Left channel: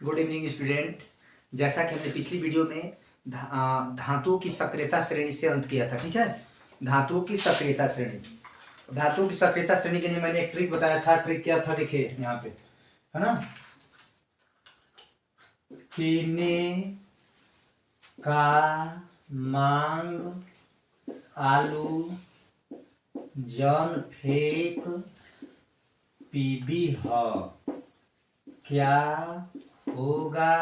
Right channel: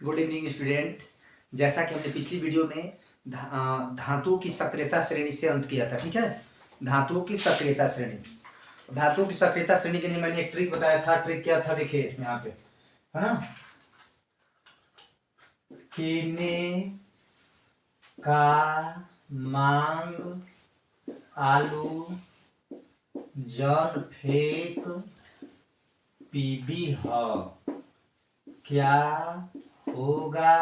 Good evening student. जैसा कि हमने पिछली वीडियो में धातुओं की सक्रियता श्रेणी से अंत किया था, ठीक है। धातुओं की सक्रियता श्रेणी, धातुओं की सक्रियता श्रेणी के लिए मैंने एक ट्रिक बताया था। ट्रिक क्या था, देखिए यहाँ पे है ना। केने का मांग आलू जन फेक पीबी ह, क्या होगा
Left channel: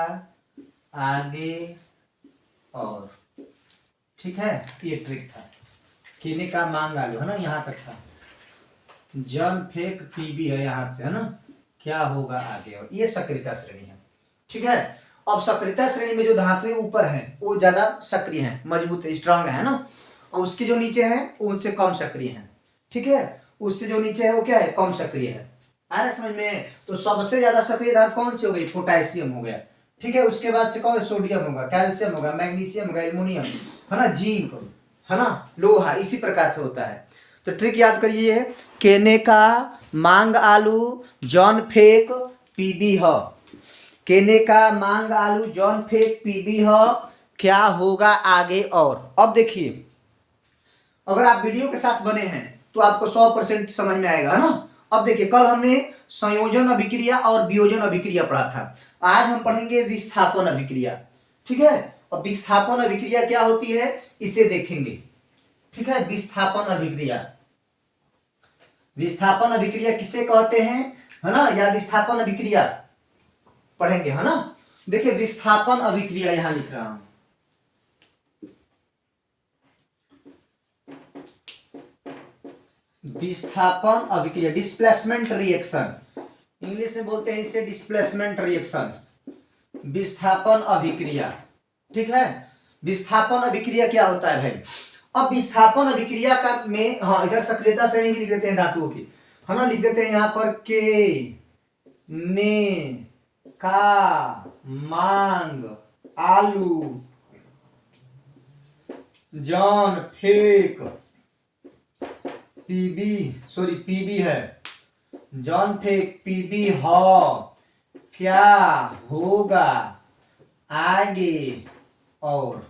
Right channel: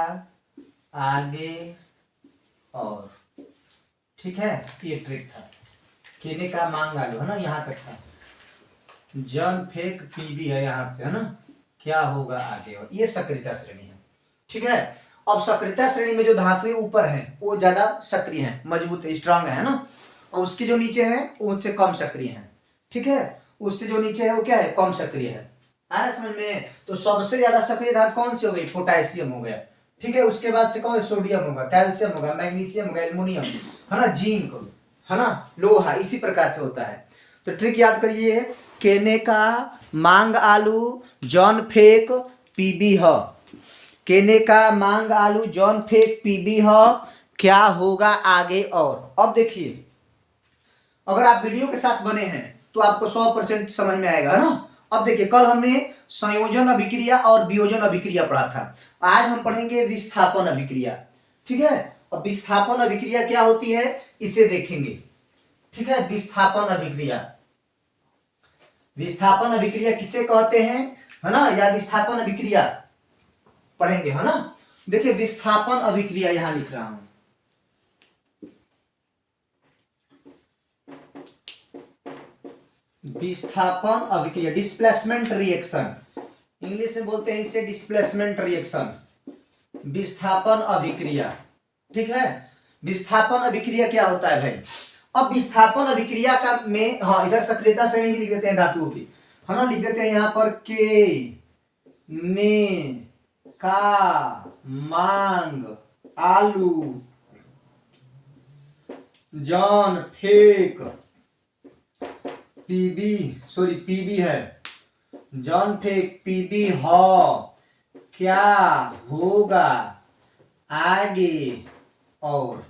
आगे और। ठीक है, ये ट्रिक था। केने का मांग आलू है ना, यहाँ तक था। जन फेक पीबी है यहाँ से, है ना, क्या होगा आगे और। ये सक्रियता श्रेणी है, ठीक है। अब सक्रियता श्रेणी में जो धातुएं ऊपर हैं वो ज्यादा सक्रिय हैं, मजबूत है, स्ट्रांग है ना। और उसके जो नीचे हैं वो उनसे कम सक्रिय हैं, ठीक है। उससे जो नीचे है वो क्या है, कम सक्रिय है। आ रहा समझ में। तो सबसे ज्यादा सक्रिय धातु कौन सी हो गई, पोटेशियम हो गया, ठीक है। उसके बाद से कौन, सोडियम होगा, कैल्शियम होगा, मैग्नीशियम होगा, एल्युमिनियम है ना, जिंक है ना, लोहा। इसी प्रकार से होता है। तो ट्रिक याद करिए, केने का मांग आलू जॉन फेक पीबी ह। केने का मांग आलू जॉन फेक पीबी ह, क्या होगा आगे और। अब देखिए, अगर आप वीडियो के साथ बने हैं तो आपको 100% समझ में आएगा, है ना। अब देखिए, कल हमने संयोजन अभिक्रिया और वियोजन अभिक्रिया पढ़ा था। आज हम पढ़ेंगे विस्थापन अभिक्रिया, ठीक है। और विस्थापन अभिक्रिया क्या होती है इसे देखेंगे, ठीक है। विस्थापन अभिक्रिया, विस्थापन अभिक्रिया किसे कहते हैं, है ना, या विस्थापन अभिक्रिया पढ़ेंगे, है ना। देखिए, विस्थापन अभिक्रिया यहां लिख रहा हूं। विस्थापन अभिक्रिया, डिस्प्लेसमेंट रिएक्शन, इंग्लिश में बोलते हैं इसे डिस्प्लेसमेंट रिएक्शन। विस्थापन अभिक्रिया, ठीक है। विस्थापन अभिक्रिया क्या होता है भाई। अब विस्थापन अभिक्रिया का में, हाँ, इधर सक्रियता श्रेणी भी लिख देते हैं धातुओं की, है ना। लिख देते हैं यहाँ पर के ने का मांग आलू जॉन फेक पीबी, सॉरी पीबी है, जॉन फेक पीबी ह, क्या होगा आगे और।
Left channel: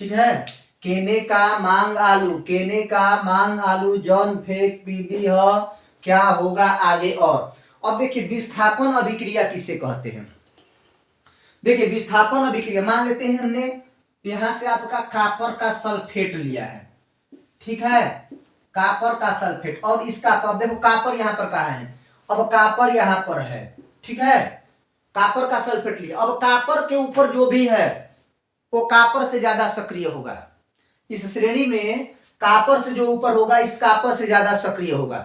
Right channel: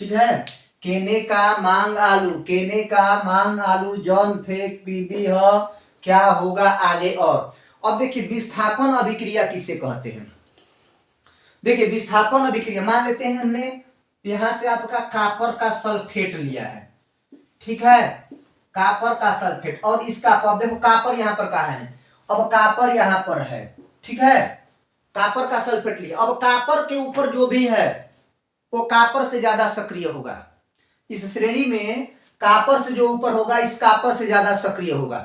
ठीक है, केने का मांग आलू, केने का मांग आलू जॉन फेक पीबी ह, क्या होगा आगे और। अब देखिए, विस्थापन अभिक्रिया किसे कहते हैं। देखिए, विस्थापन अभिक्रिया मान लेते हैं हमने यहां से आपका कॉपर का सल्फेट लिया है, ठीक है। कॉपर का सल्फेट, और इस कॉपर, देखो कॉपर यहां पर कहा है, अब कॉपर यहां पर है, ठीक है। कॉपर का सल्फेट लिया, अब कॉपर के ऊपर जो भी है वो कॉपर से ज्यादा सक्रिय होगा। इस श्रेणी में कॉपर से जो ऊपर होगा इस कॉपर से ज्यादा सक्रिय होगा,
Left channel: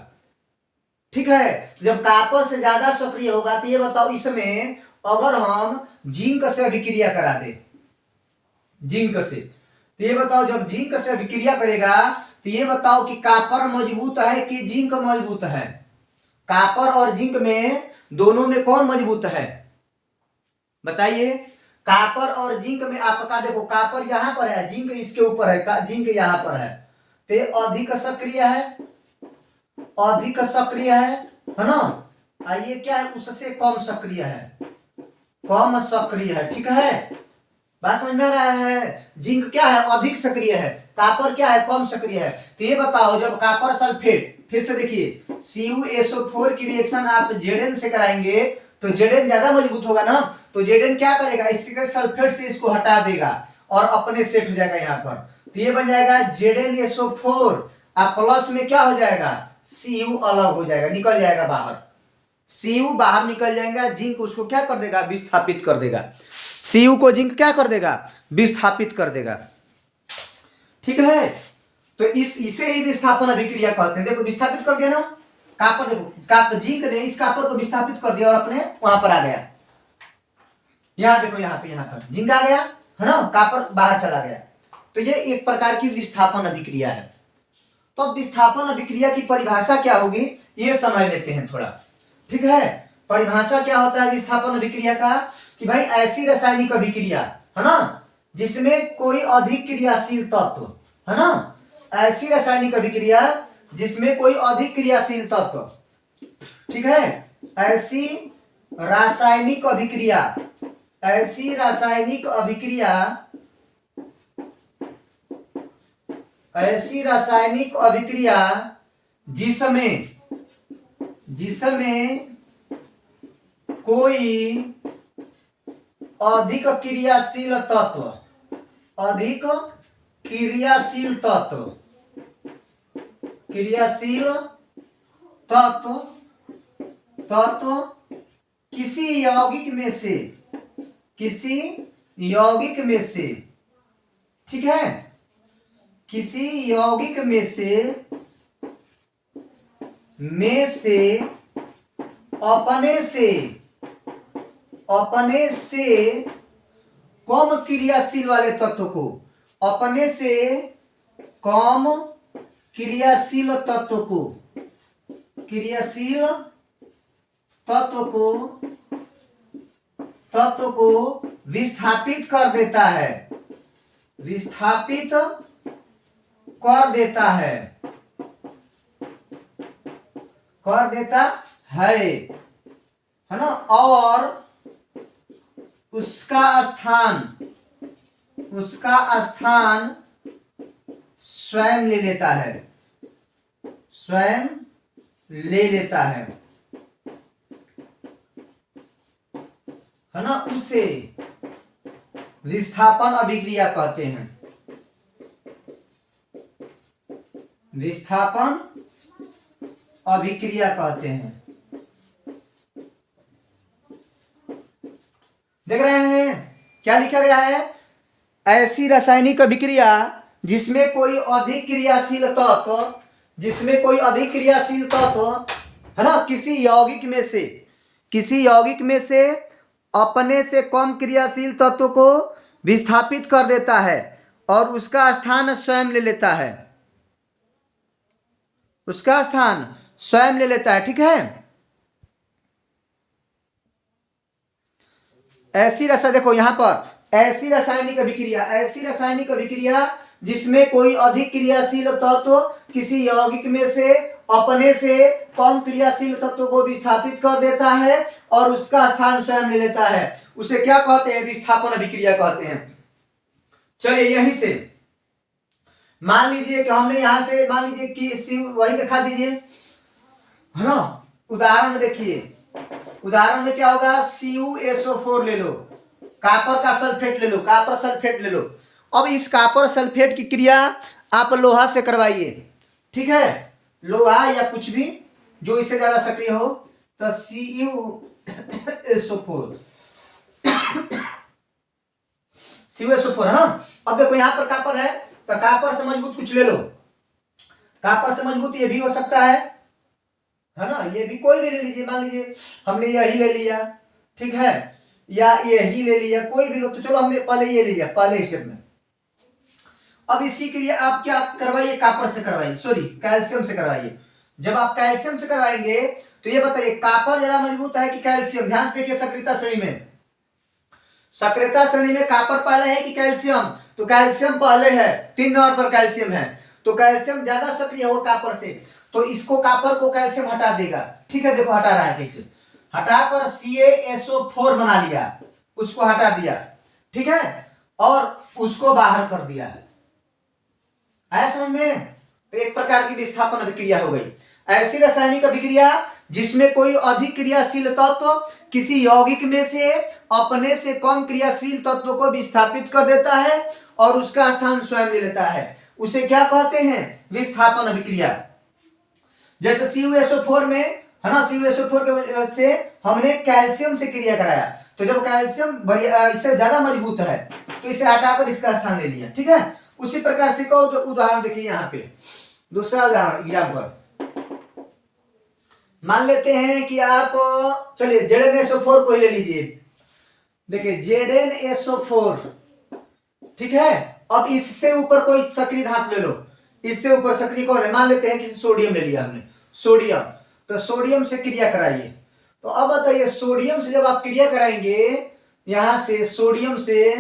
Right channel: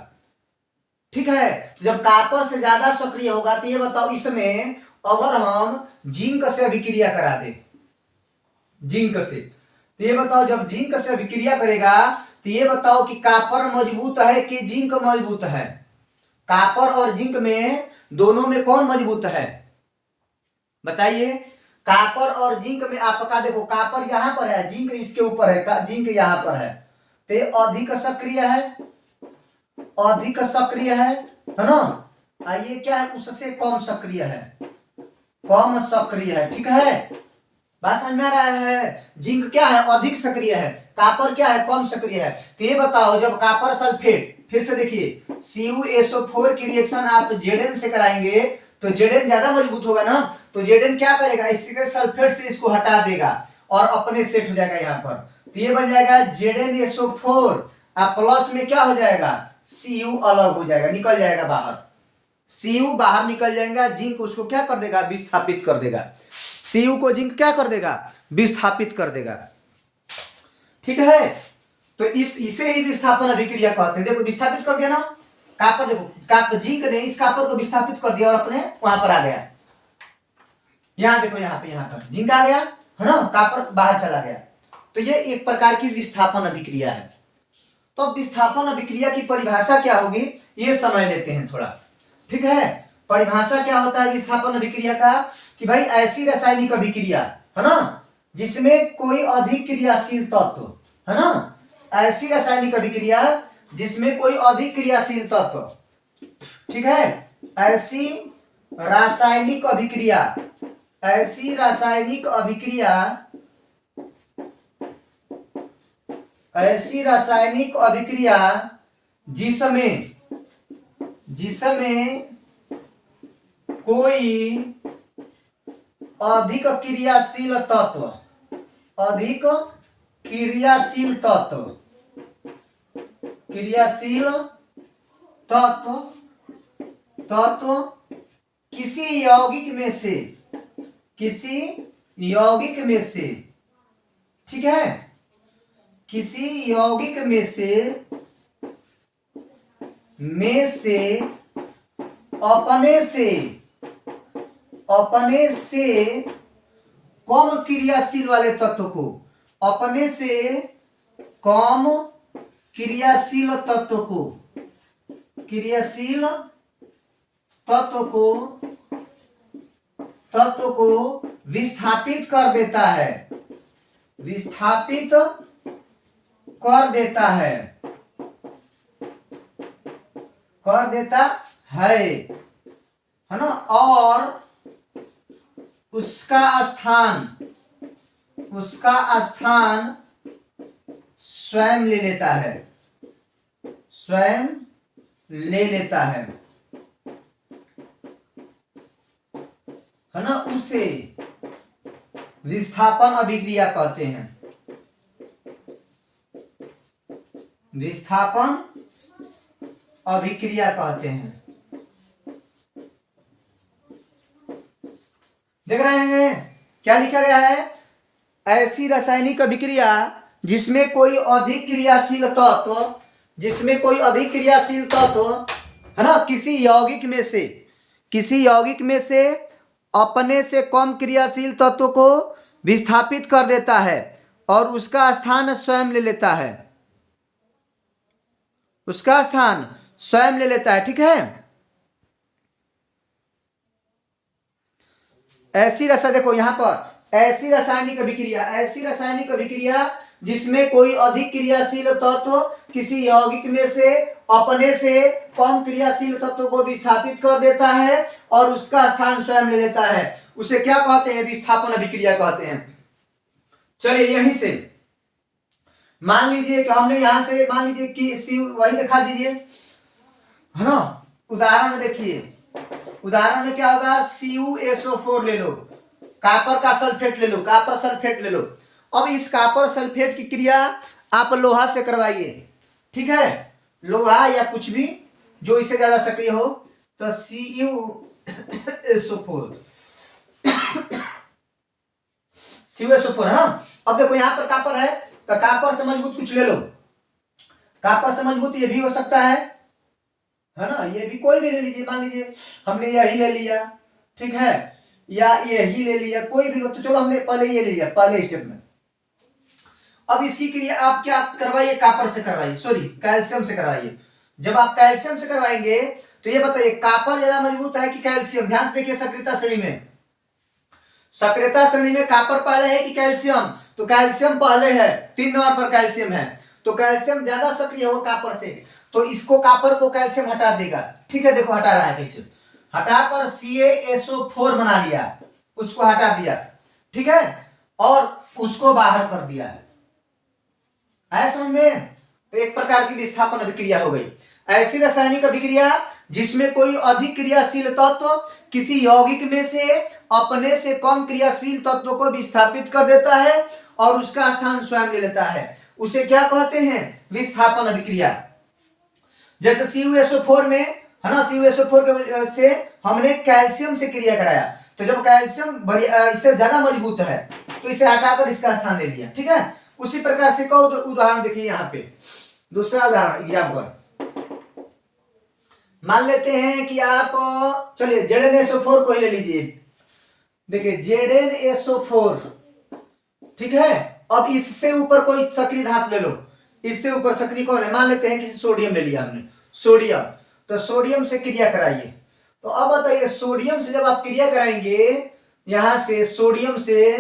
ठीक है। जब कॉपर से ज्यादा सक्रिय होगा तो ये बताओ, इसमें अगर हम जिंक से अभिक्रिया करा दे, जिंक से, तो ये बताओ जब जिंक से अभिक्रिया करेगा तो ये बताओ कि कॉपर मजबूत है कि जिंक मजबूत है। कॉपर और जिंक में दोनों में कौन मजबूत है बताइए। कॉपर और जिंक में आपका देखो, कॉपर यहां पर है, जिंक इसके ऊपर है, जिंक यहां पर है, तो ये अधिक सक्रिय है, अधिक सक्रिय है ना। ये क्या है, उससे कम सक्रिय है, कम सक्रिय है, ठीक है। बात समझ में आ रहा है। जिंक क्या है, अधिक सक्रिय है, कॉपर क्या है, कम सक्रिय है। तो ये बताओ, जब कॉपर सल्फेट, फिर से देखिए, CuSO4 की रिएक्शन आप Zn से कराएंगे तो Zn ज्यादा मजबूत होगा ना। तो Zn क्या करेगा, इसके सल्फेट से इसको हटा देगा और अपने सेट हो जाएगा यहाँ पर। तो ये बन जाएगा ZnSO4, अब प्लस में क्या हो जाएगा, Cu अलग हो जाएगा, निकल जाएगा बाहर, Cu बाहर निकल जाएगा। जिंक उसको क्या कर देगा, विस्थापित कर देगा। Cu को जिंक क्या कर देगा, विस्थापित कर देगा, ठीक है। तो इसे ही विस्थापन अभिक्रिया कहते हैं। देखो, विस्थापित कर दिया ना कॉपर, देखो कॉपर, जिंक ने इस कॉपर को विस्थापित कर दिया और अपने वहां पर आ गया। यहां देखो, यहाँ पर जिंक आ गया, है ना, कॉपर बाहर चला गया। तो ये एक प्रकार की विस्थापन अभिक्रिया है। तो विस्थापन अभिक्रिया की परिभाषा क्या होगी ये समझ लेते हैं थोड़ा, ठीक है। परिभाषा क्या होता है विस्थापन अभिक्रिया का, कि भाई ऐसी रासायनिक अभिक्रिया, है ना, जिसमें कोई अधिक क्रियाशील तत्व, है ना, ऐसी रासायनिक अभिक्रिया जिसमें कोई अधिक क्रियाशील तत्व, ठीक है, ऐसी रासायनिक अभिक्रिया, ऐसी रासायनिक अभिक्रिया, ऐसी रासायनिक अभिक्रिया जिसमें कोई अधिक क्रियाशील तत्व, अधिक क्रियाशील तत्व, क्रियाशील तत्व तत्व किसी यौगिक में से, किसी यौगिक में से, ठीक है, किसी यौगिक में से अपने से कम क्रियाशील वाले तत्व को, अपने से कम क्रियाशील तत्व को, क्रियाशील तत्व को विस्थापित कर देता है, विस्थापित कर देता है, कर देता है ना, और उसका स्थान स्वयं ले लेता है, स्वयं ले लेता है ना, उसे विस्थापन अभिक्रिया कहते हैं, विस्थापन अभिक्रिया कहते हैं। देख रहे हैं क्या लिखा गया है? ऐसी रासायनिक अभिक्रिया जिसमें कोई अधिक क्रियाशील तत्व, जिसमें कोई अधिक क्रियाशील तत्व है ना, किसी यौगिक में से अपने से कम क्रियाशील तत्व को विस्थापित कर देता है और उसका स्थान स्वयं ले लेता है, उसका स्थान स्वयं ले लेता है, ठीक है। ऐसी देखो यहां पर ऐसी रासायनिक अभिक्रिया, ऐसी रासायनिक अभिक्रिया जिसमें कोई अधिक क्रियाशील तत्व किसी यौगिक में से अपने से कम क्रियाशील तत्व को विस्थापित कर देता है और उसका स्थान स्वयं ले लेता है, उसे क्या कहते हैं? विस्थापन अभिक्रिया कहते हैं। चलिए यहीं से मान लीजिए कि हमने यहां से मान लीजिए कि वही दिखा दीजिए, है ना। उदाहरण में देखिए, उदाहरण में क्या होगा? CuSO4 ले लो, कॉपर का सल्फेट ले लो, कॉपर सल्फेट ले लो। अब इस कॉपर सल्फेट की क्रिया आप लोहा से करवाइए, ठीक है, लोहा या कुछ भी जो इससे ज्यादा सक्रिय हो, तो CuSO4 है ना। अब देखो यहां पर कॉपर है तो कॉपर से मजबूत कुछ ले लो, कॉपर से मजबूत ये भी हो सकता है ना, ये भी कोई भी ले लीजिए, मान लीजिए हमने यही ले लिया, ठीक है, या यही ले लिया, कोई भी लो, तो चलो हमने पहले ये ले लिया पहले स्टेप में। अब इसकी क्रिया आप क्या करवाइए? कॉपर से करवाइए, सॉरी कैल्शियम से करवाइए। जब आप कैल्शियम से करवाएंगे तो ये बताइए कॉपर ज्यादा मजबूत है कि कैल्शियम? ध्यान से देखिए, सक्रियता श्रेणी में, सक्रियता श्रेणी में कॉपर पहले है कि कैल्शियम? तो कैल्शियम पहले है, 3 नंबर पर कैल्शियम है, तो कैल्शियम ज्यादा सक्रिय हो कॉपर से, तो इसको कॉपर को कैल्शियम हटा देगा, ठीक है। देखो हटा रहा है कैसे, हटाकर CaSO4 बना लिया, उसको हटा दिया, ठीक है, और उसको बाहर कर दिया है, आया समझ में? तो एक प्रकार की विस्थापन अभिक्रिया हो गई। ऐसी रासायनिक अभिक्रिया जिसमें कोई अधिक क्रियाशील तत्व किसी यौगिक में से अपने से कम क्रियाशील तत्व को विस्थापित कर देता है और उसका स्थान स्वयं ले लेता है, उसे क्या कहते हैं? विस्थापन अभिक्रिया। जैसे CuSO4 में है ना, CuSO4 से हमने कैल्शियम से क्रिया कराया, तो जब कैल्शियम इससे ज्यादा मजबूत है तो इसे हटाकर इसका स्थान ले लिया, ठीक है। उसी प्रकार से कहो तो उदाहरण देखिए यहाँ पे, दूसरा उदाहरण एग्जाम्पल मान लेते हैं कि आप, चलिए ZnSO4 को ही ले लीजिए, देखिए ZnSO4, ठीक है। अब इससे ऊपर कोई सक्रिय धातु ले लो, इससे ऊपर सक्रिय कौन है? मान लेते हैं कि सोडियम ले लिया हमने, सोडियम, तो सोडियम से क्रिया कराइए। तो अब बताइए सोडियम से जब आप क्रिया कराएंगे यहां से सोडियम से,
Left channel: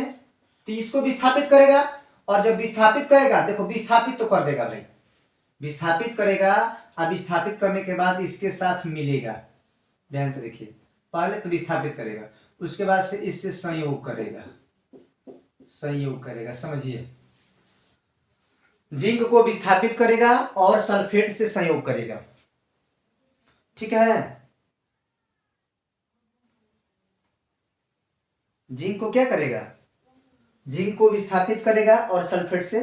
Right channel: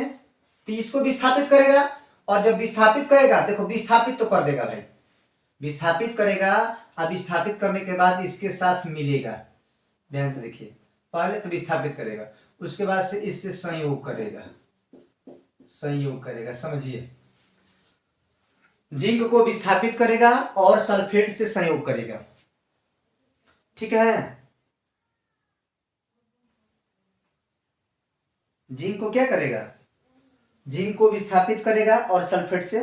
तो इसको विस्थापित करेगा, और जब विस्थापित करेगा, देखो विस्थापित तो कर देगा भाई, विस्थापित करेगा, अब विस्थापित करने के बाद इसके साथ मिलेगा, ध्यान से देखिए, पहले तो विस्थापित करेगा, उसके बाद से इससे संयोग करेगा, संयोग करेगा। समझिए, जिंक को विस्थापित करेगा और सल्फेट से संयोग करेगा। ठीक है, जिंक को क्या करेगा, जिंक को विस्थापित करेगा और सल्फेट से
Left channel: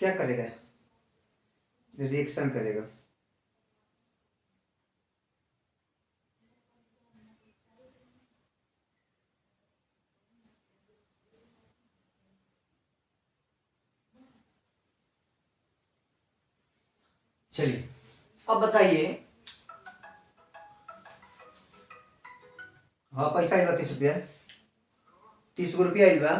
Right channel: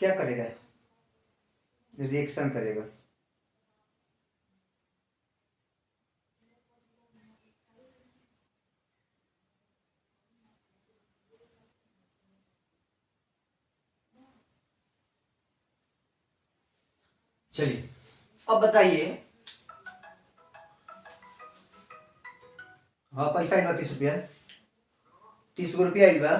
क्या करेगा, रिएक्शन करेगा। चलिए अब बताइए, हाँ पैसा आइल बा 30 रुपया, 30 गो रुपया आइल बा।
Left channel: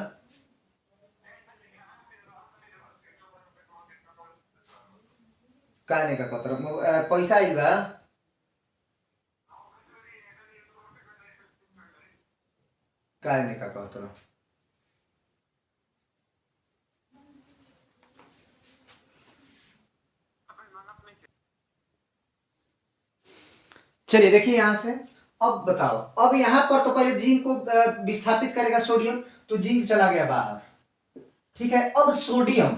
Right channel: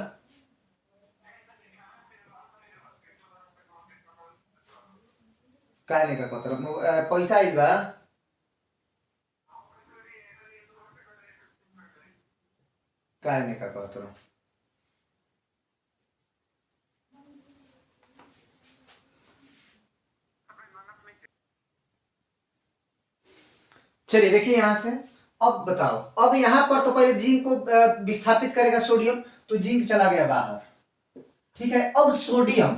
काहे नहीं का पैसा आइल बा, काहे नहीं का कहतर। चलिए देखिए यहां से, अब बताओ, अब यहां पर तो पहले जिंक को विस्थापित करेगा सोडियम, तो जिंक चला गया बाहर। ठीक है, अब सोडियम,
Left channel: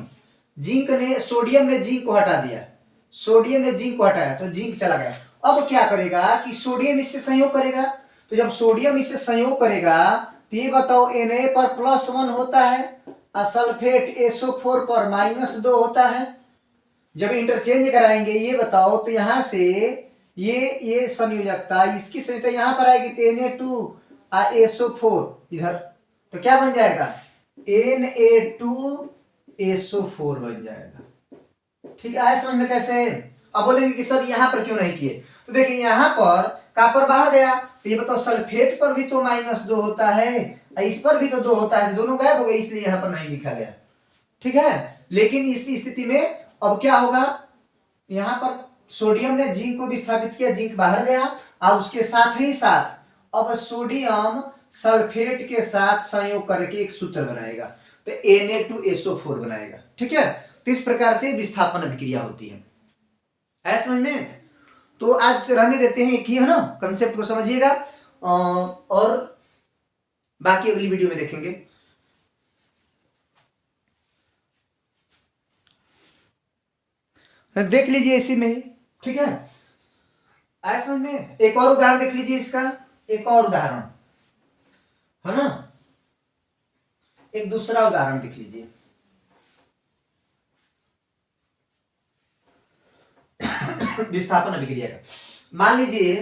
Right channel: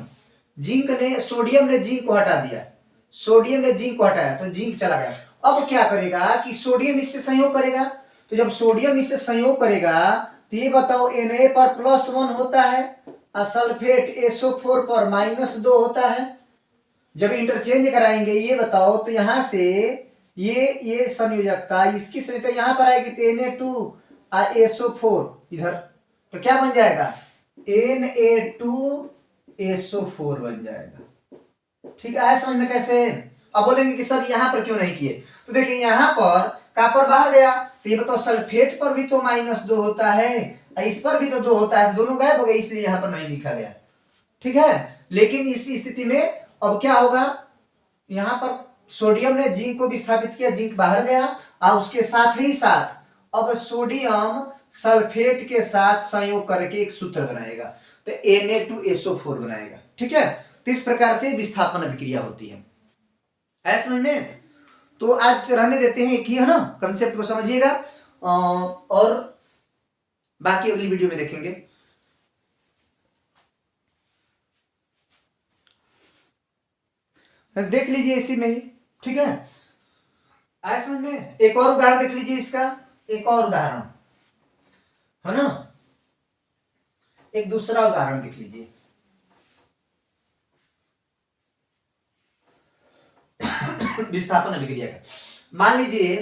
जिंक ने, सोडियम ने जिंक को हटा दिया, सोडियम ने जिंक को हटाया तो जिंक चला गया। अब क्या करेगा कि सोडियम इससे संयोग करेगा, तो जब सोडियम इससे संयोग करेगा तो ये बताओ Na पर +1 होता है और सल्फेट SO4 पर -2 होता है। जब इंटरचेंज कराएंगे ये बताओ तो यहां से ये संयोजकता, इसकी संयोजकता यहां पर आएगी तो Na2 और SO4 इधर, तो क्या बन जाएगा, Na2SO4 बन जाएगा। ठीक है, समझ में कैसे। अब बोलेंगे कि सर यहां पर क्यों नहीं किए, तो देखिए यहां पर कॉपर बाहर गया, तो ये बताओ सल्फेट पर भी तो -2 होता है, इस पर भी तो 2 होता है, दोनों गायब हो गए, इसलिए यहां पर नहीं लिखा गया। ठीक है, लेकिन इस स्थिति में अब क्या होगा, यहां पर सोडियम ने जिंक को विस्थापित किया, जिंक बाहर गया और उसके साथ ही साथ अब सोडियम सल्फेट के साथ संयोग करके एक सूत्र बनाएगा, तो Na2SO4 बनाएगा। ठीक है, तो इस प्रकार से विस्थापन अभिक्रिया होती है समझ में। तो आज रहने देते हैं, एक ही है ना, कंसेप्ट को समझिएगा और बाकी अगली वीडियो में देखेंगे। देख लीजिए इसी में ही। ठीक है, आया समझ में। एक और उदाहरण देख लीजिए इसका, एक और उदाहरण है ना, एक दूसरा उदाहरण देख लीजिए। विस्थापन अभिक्रिया का मान लीजिए,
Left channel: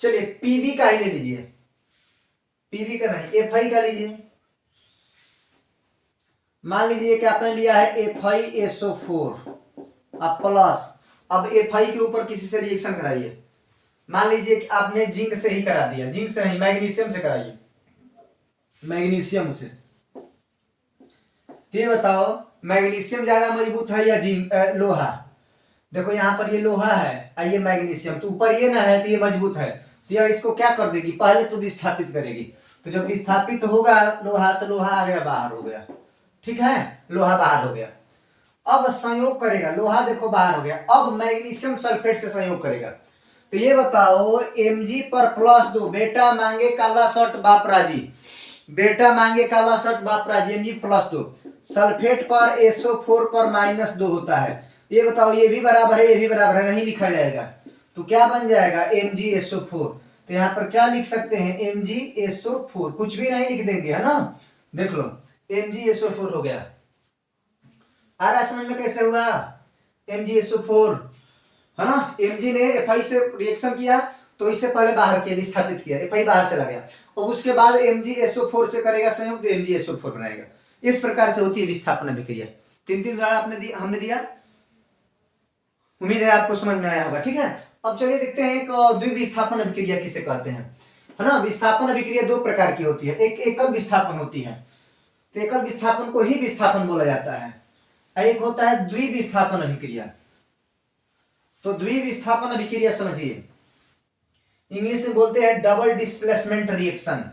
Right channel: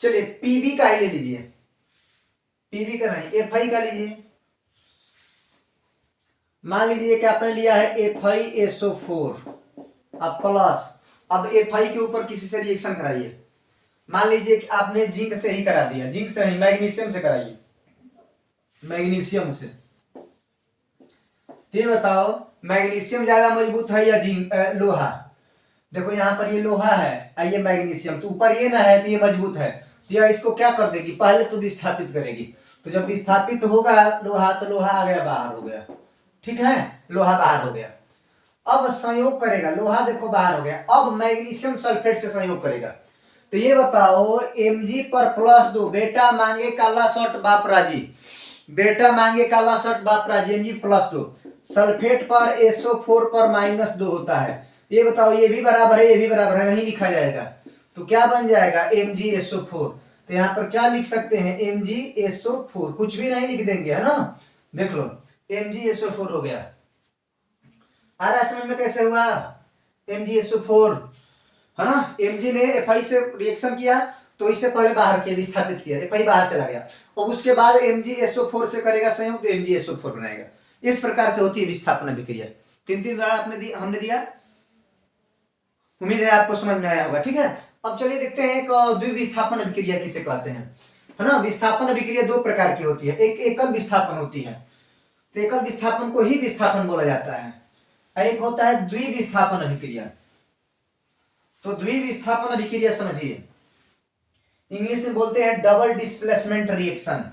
चलिए पीबी का ही ले लीजिए, पीबी का नहीं एफआई का लीजिए। मान लीजिए कि आपने लिया है FiSO4 अब प्लस, अब एफआई के ऊपर किसी से रिएक्शन कराइए। मान लीजिए कि आपने जिंक से ही करा दिया, जिंक से नहीं मैग्नीशियम से कराइए, मैग्नीशियम से। ये बताओ मैग्नीशियम ज्यादा मजबूत है या जिंक, लोहा। देखो यहाँ पर ये लोहा है, ये मैग्नीशियम, तो ऊपर ये ना है तो ये मजबूत है, तो यह इसको क्या कर देगी, पहले तो विस्थापित करेगी। तो जब विस्थापित होगा लोहा, तो लोहा आ गया बाहर हो गया। ठीक है, लोहा बाहर हो गया। अब संयोग करेगा, लोहा देखो बाहर हो गया, अब मैग्नीशियम सल्फेट से संयोग करेगा। तो ये बताओ Mg पर +2, बेटा मांगे काला शर्ट बाप राजी, बेटा मांगे काला शर्ट बाप राजी, Mg +2, सल्फेट पर SO4 पर -2 होता है। ये बताओ ये भी बराबर है, ये भी बराबर है, नहीं लिखा जाएगा, तो क्या बन जाएगा MgSO4। तो यहां पर क्या लिख सकते हैं, MgSO4, कुछ भी नहीं लिख देंगे, है ना। देख लो MgSO4 हो गया। आ रहा है समझ में कैसे हुआ, MgSO4 है ना। Mg ने Fi से रिएक्शन किया तो इससे पहले बाहर किया, विस्थापित किया, Fi बाहर चला गया, और उसके बाद MgSO4 से करेगा संयोग तो MgSO4 बनाएगा। इस प्रकार से होती है विस्थापन अभिक्रिया। 3 उदाहरण हमने दिया, उम्मीद है आपको समझ में आया होगा। ठीक है, अब चलिए देखते हैं एक द्विविस्थापन अभिक्रिया किसे कहते हैं, है ना। विस्थापन अभिक्रिया 2 प्रकार की होती है, एक एकल विस्थापन होती है, तो एकल विस्थापन को ही विस्थापन बोला जाता है, एक होता है द्विविस्थापन अभिक्रिया। तो द्विविस्थापन अभिक्रिया समझिए, इंग्लिश में बोलते हैं डबल डिस्प्लेसमेंट रिएक्शन,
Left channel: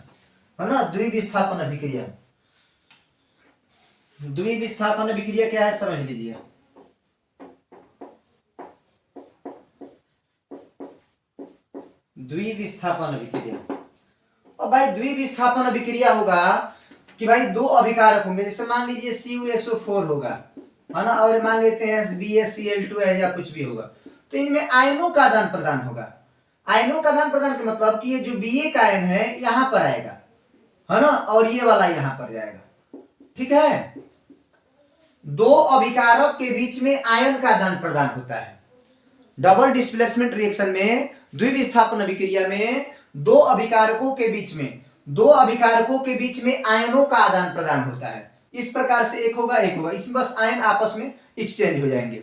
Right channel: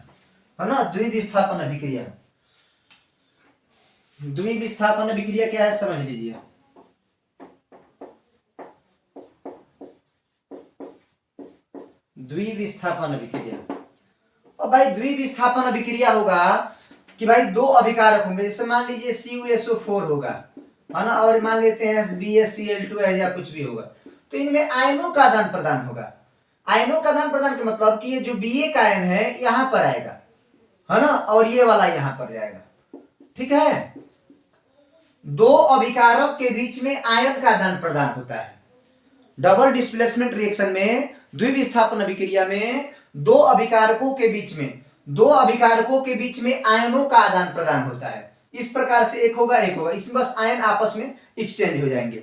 है ना। द्विविस्थापन अभिक्रिया, द्विविस्थापन अभिक्रिया क्या है समझ लीजिए। द्विविस्थापन अभिक्रिया। और भाई द्विविस्थापन अभिक्रिया होगा कि भाई दो अभिकारक होंगे, जैसे मान लीजिए CuSO4 होगा, है ना, और मान लेते हैं BaCl2 है या कुछ भी होगा, तो इनमें आयनों का आदान प्रदान होगा। आयनों का आदान प्रदान का मतलब कि ये जो Ba का आयन है यहां पर आएगा, है ना, और ये वाला यहां पर जाएगा। ठीक है, दो अभिकारक के बीच में आयन का आदान प्रदान होता है। डबल डिस्प्लेसमेंट रिएक्शन में, द्विविस्थापन अभिक्रिया में दो अभिकारकों के बीच में आयनों का आदान प्रदान होता है। इस प्रकार से एक होगा एक होगा, इसमें बस आयन आपस में एक्सचेंज हो जाएंगे,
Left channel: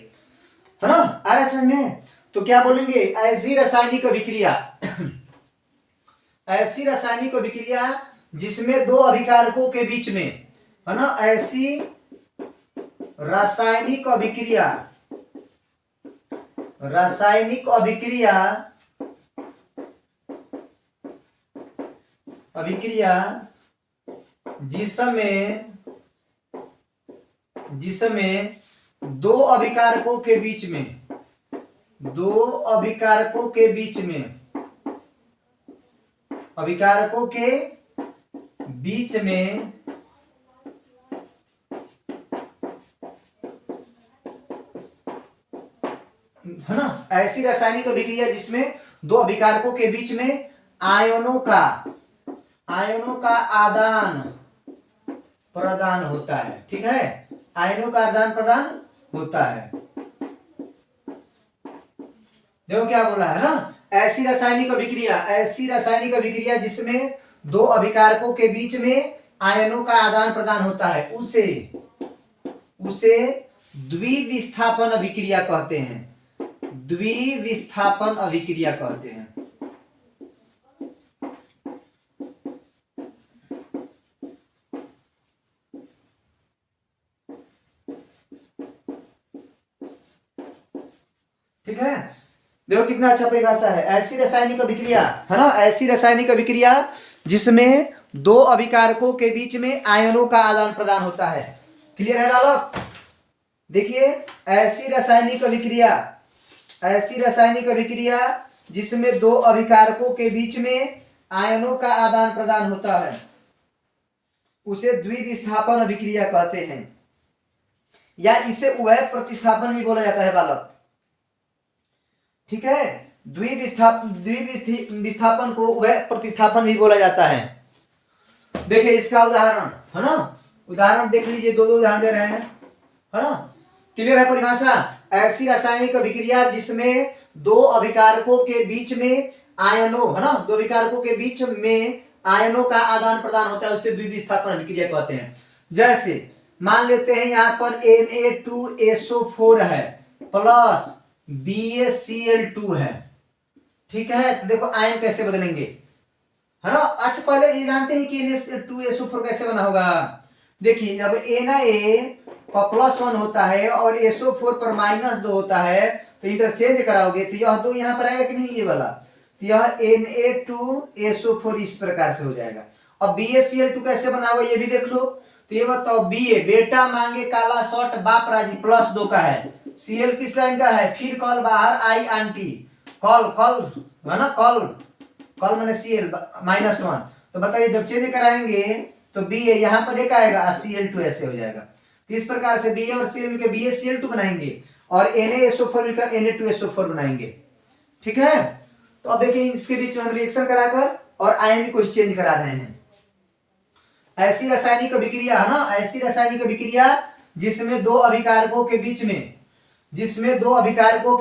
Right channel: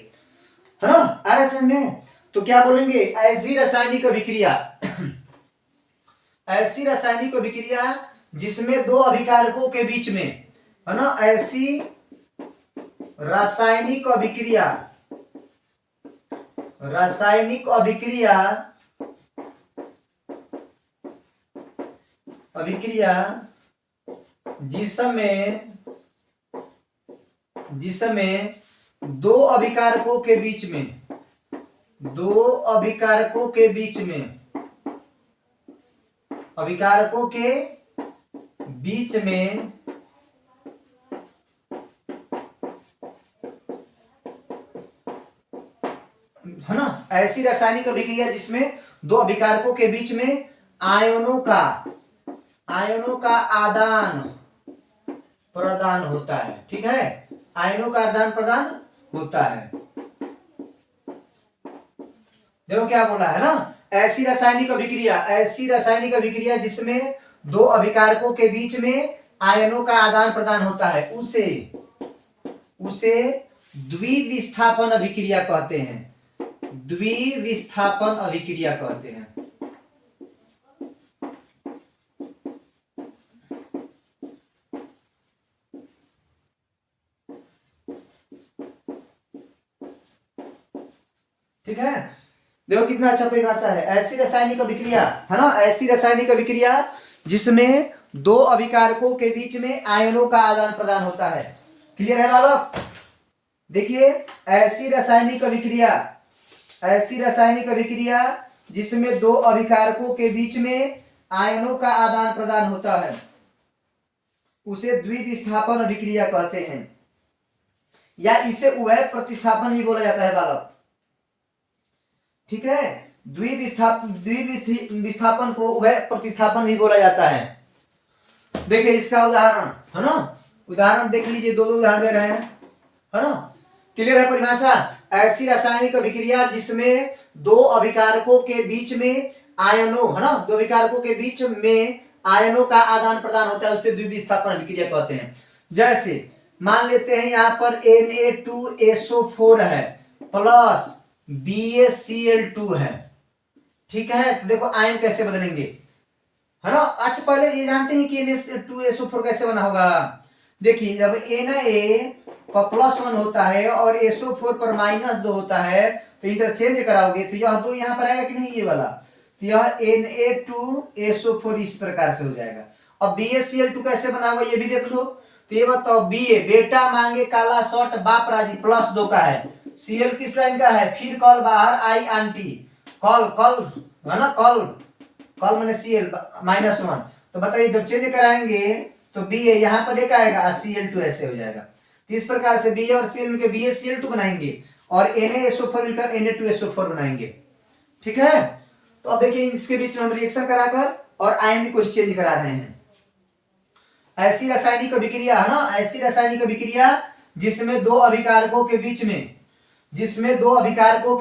है ना। आ रहा समझ में? तो क्या बोलेंगे, ऐसी रासायनिक अभिक्रिया ऐसी रासायनिक अभिक्रिया जिसमें दो अभिकारकों के बीच में, है ना, ऐसी रासायनिक अभिक्रिया जिसमें दो अभिकारकों के बीच में है ना, ऐसी रासायनिक अभिक्रिया जिसमें दो अभिकारकों के बीच में आयनों का आदान प्रदान होता है। ठीक है, आयनों का आदान प्रदान होता है। देखो क्या बोला है ना, ऐसी रासायनिक अभिक्रिया जिसमें दो अभिकारकों के बीच में आयनों का आदान प्रदान होता है, उसे द्विविस्थापन अभिक्रिया कहते हैं। द्विविस्थापन अभिक्रिया कहते हैं। ठीक है, देखो कितना अच्छा परिभाषा है, ऐसी रासायनिक अभिक्रिया, है ना, ऐसी रासायनिक अभिक्रिया जिसमें दो अभिकारकों के बीच में आयनों का आदान प्रदान होता है। क्लियर है बालक? देखिए, ऐसी रासायनिक अभिक्रिया जिसमें दो अभिकारकों के बीच में आयनों का आदान प्रदान होता है, उसे द्विविस्थापन अभिक्रिया कहते हैं, या इसे उभय प्रतिस्थापन भी बोला जाता है बालक। ठीक है, द्विविस्थापन को उभय प्रतिस्थापन भी बोला जाता है। देखिए इसका उदाहरण, है ना, उदाहरण देख लीजिए, दो उदाहरण दे रहे हैं, है ना। क्लियर है परिभाषा? ऐसी रासायनिक अभिक्रिया जिसमें दो अभिकारकों के बीच में आयनों, है ना, दो अभिकारकों के बीच में आयनों का आदान प्रदान होता है, उसे द्विविस्थापन अभिक्रिया कहते हैं। जैसे मान लेते हैं यहां पर Na2SO4 है प्लस BaCl2 है। ठीक है, तो देखो आयन कैसे बदलेंगे, है ना। अच्छा, पहले ये जानते हैं कि Na2SO4 कैसे बना होगा। देखिए, जब Na पर +1 होता है और SO4 पर -2 होता है, तो इंटरचेंज कराओगे तो यह दो यहां पर आएगा कि नहीं, ये वाला, तो यह Na2SO4 इस प्रकार से हो जाएगा। अब BaCl2 कैसे बना होगा ये भी देख लो। तो ये बताओ, बेटा मांगे काला शर्ट बाप राजी +2 का है, Cl किस लाइन का है, फिर कॉल बाहर आई आंटी, कॉल है ना, कॉल मैंने Cl -1, तो बताइए जब चेंज कराएंगे तो Ba यहां पर एक आएगा, Cl2 ऐसे हो जाएगा। तो इस प्रकार से Ba और Cl मिलकर BaCl2 बनाएंगे और NaSO4 मिलकर Na2SO4 बनाएंगे। ठीक है, तो अब देखिए इसके बीच में हम रिएक्शन कराकर और आयन को चेंज करा रहे हैं। ऐसी रासायनिक अभिक्रिया, है ना, ऐसी रासायनिक अभिक्रिया जिसमें दो अभिकारकों के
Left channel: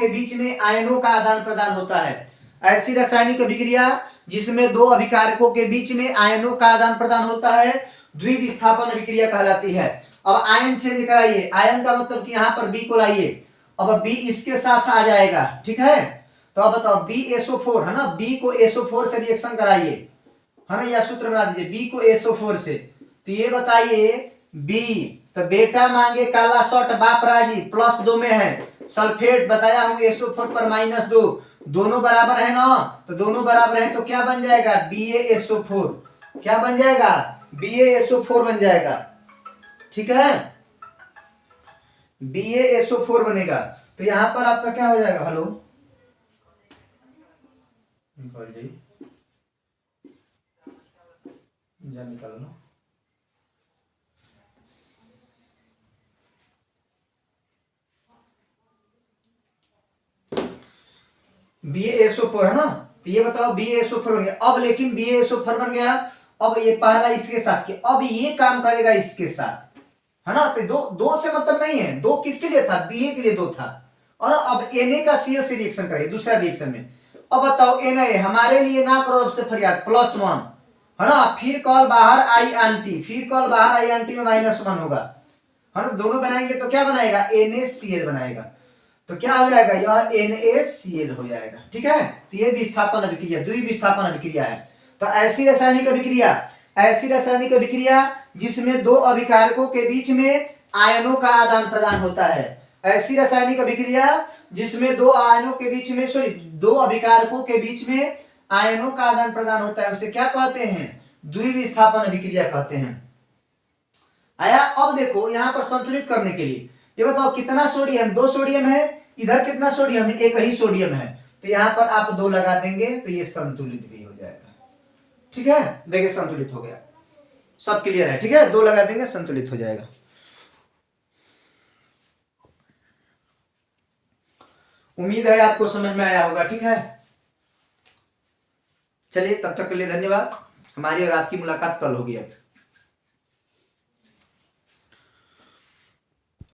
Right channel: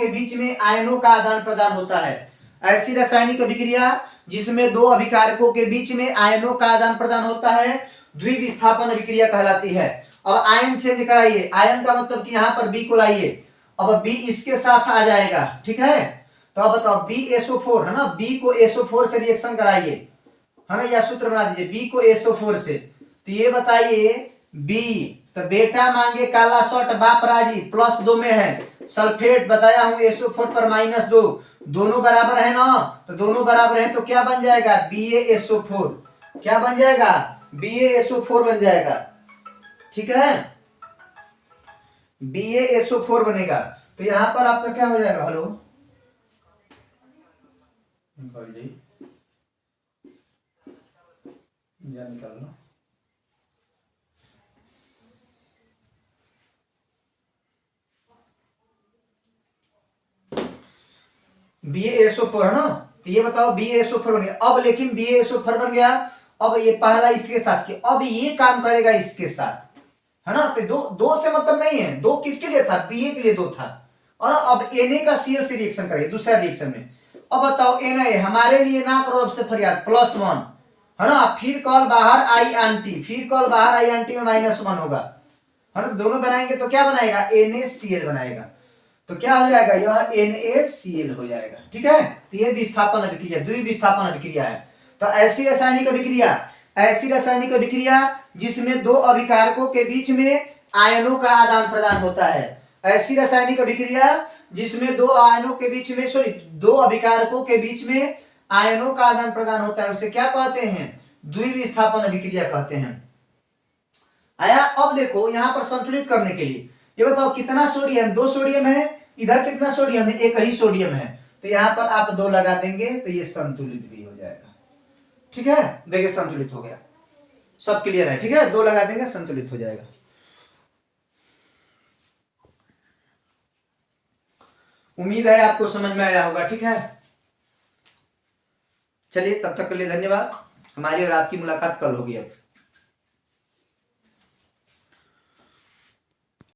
बीच में आयनों का आदान प्रदान होता है। ऐसी रासायनिक अभिक्रिया जिसमें दो अभिकारकों के बीच में आयनों का आदान प्रदान होता है द्विविस्थापन अभिक्रिया कहलाती है। अब आयन चेंज कराइए, आयन का मतलब कि यहां पर B को लाइए, अब B इसके साथ आ जाएगा। ठीक है, तो अब बताओ BaSO4, है ना, B को SO4 से रिएक्शन कराइए, है ना, यह सूत्र बना दीजिए B को SO4 से। तो ये बताइए B, तो बेटा मांगे काला शर्ट बाप राजी +2 में है, सल्फेट बताया हूं SO4 पर -2, दोनों बराबर है ना, तो दोनों बराबर है तो क्या बन जाएगा, BaSO4, क्या बन जाएगा, BaSO4 बन जाएगा। ठीक है, BaSO4 बनेगा, तो यहां पर आपका क्या हो जाएगा, हेलो जा निकाल लो। BaSO4 है ना, तो ये बताओ BaSO4 बन गया। अब लेकिन BaSO4 बन गया, अब ये पहला इसके साथ के, अब ये काम करेगा इसके साथ, है ना। तो दो से मतलब नहीं है, दो किसके लिए था, Ba के लिए दो था, और अब Na का Cl से रिएक्शन करेगा दूसरा रिएक्शन में। अब बताओ Na हमारे लिए ना करो अब से फरियाद, +1 है ना, फिर कॉल बाहर आई एंटी, फिर कॉल बाहर आई एंटी में -1 होगा, है ना। दोनों बनाएंगे तो क्या बनाएगा, NaCl बनाएगा, तो क्या हो जाएगा, यह NaCl हो जाएगा, ठीक है। तो ये विस्थापन अभिक्रिया, द्विविस्थापन अभिक्रिया है। तो ऐसी रासायनिक अभिक्रिया, ऐसी रासायनिक अभिक्रिया जिसमें दो अभिकारकों के बीच में आयनों का आदान प्रदान होता है, ऐसी रासायनिक अभिक्रिया जिसमें दो आयनों के बीच में, सॉरी, दो अभिकारकों के बीच में आयनों का आदान प्रदान होता है, उसे क्या कहते हैं, द्विविस्थापन अभिक्रिया कहते हैं। आया। अब देखो यहां पर संतुलित करने के लिए ये बताओ कितना सोडियम, 2 सोडियम है, इधर कितना सोडियम है, एक ही सोडियम है, तो यहां पर आप 2 लगा देंगे तो ये संतुलित भी हो जाएगा, ठीक है। देखिए संतुलित हो गया, सब क्लियर है, ठीक है, 2 लगा देंगे संतुलित हो जाएगा। उम्मीद है आपको समझ में आया होगा, ठीक है। चलिए तब तक के लिए धन्यवाद, हमारी और आपकी मुलाकात कल होगी अब।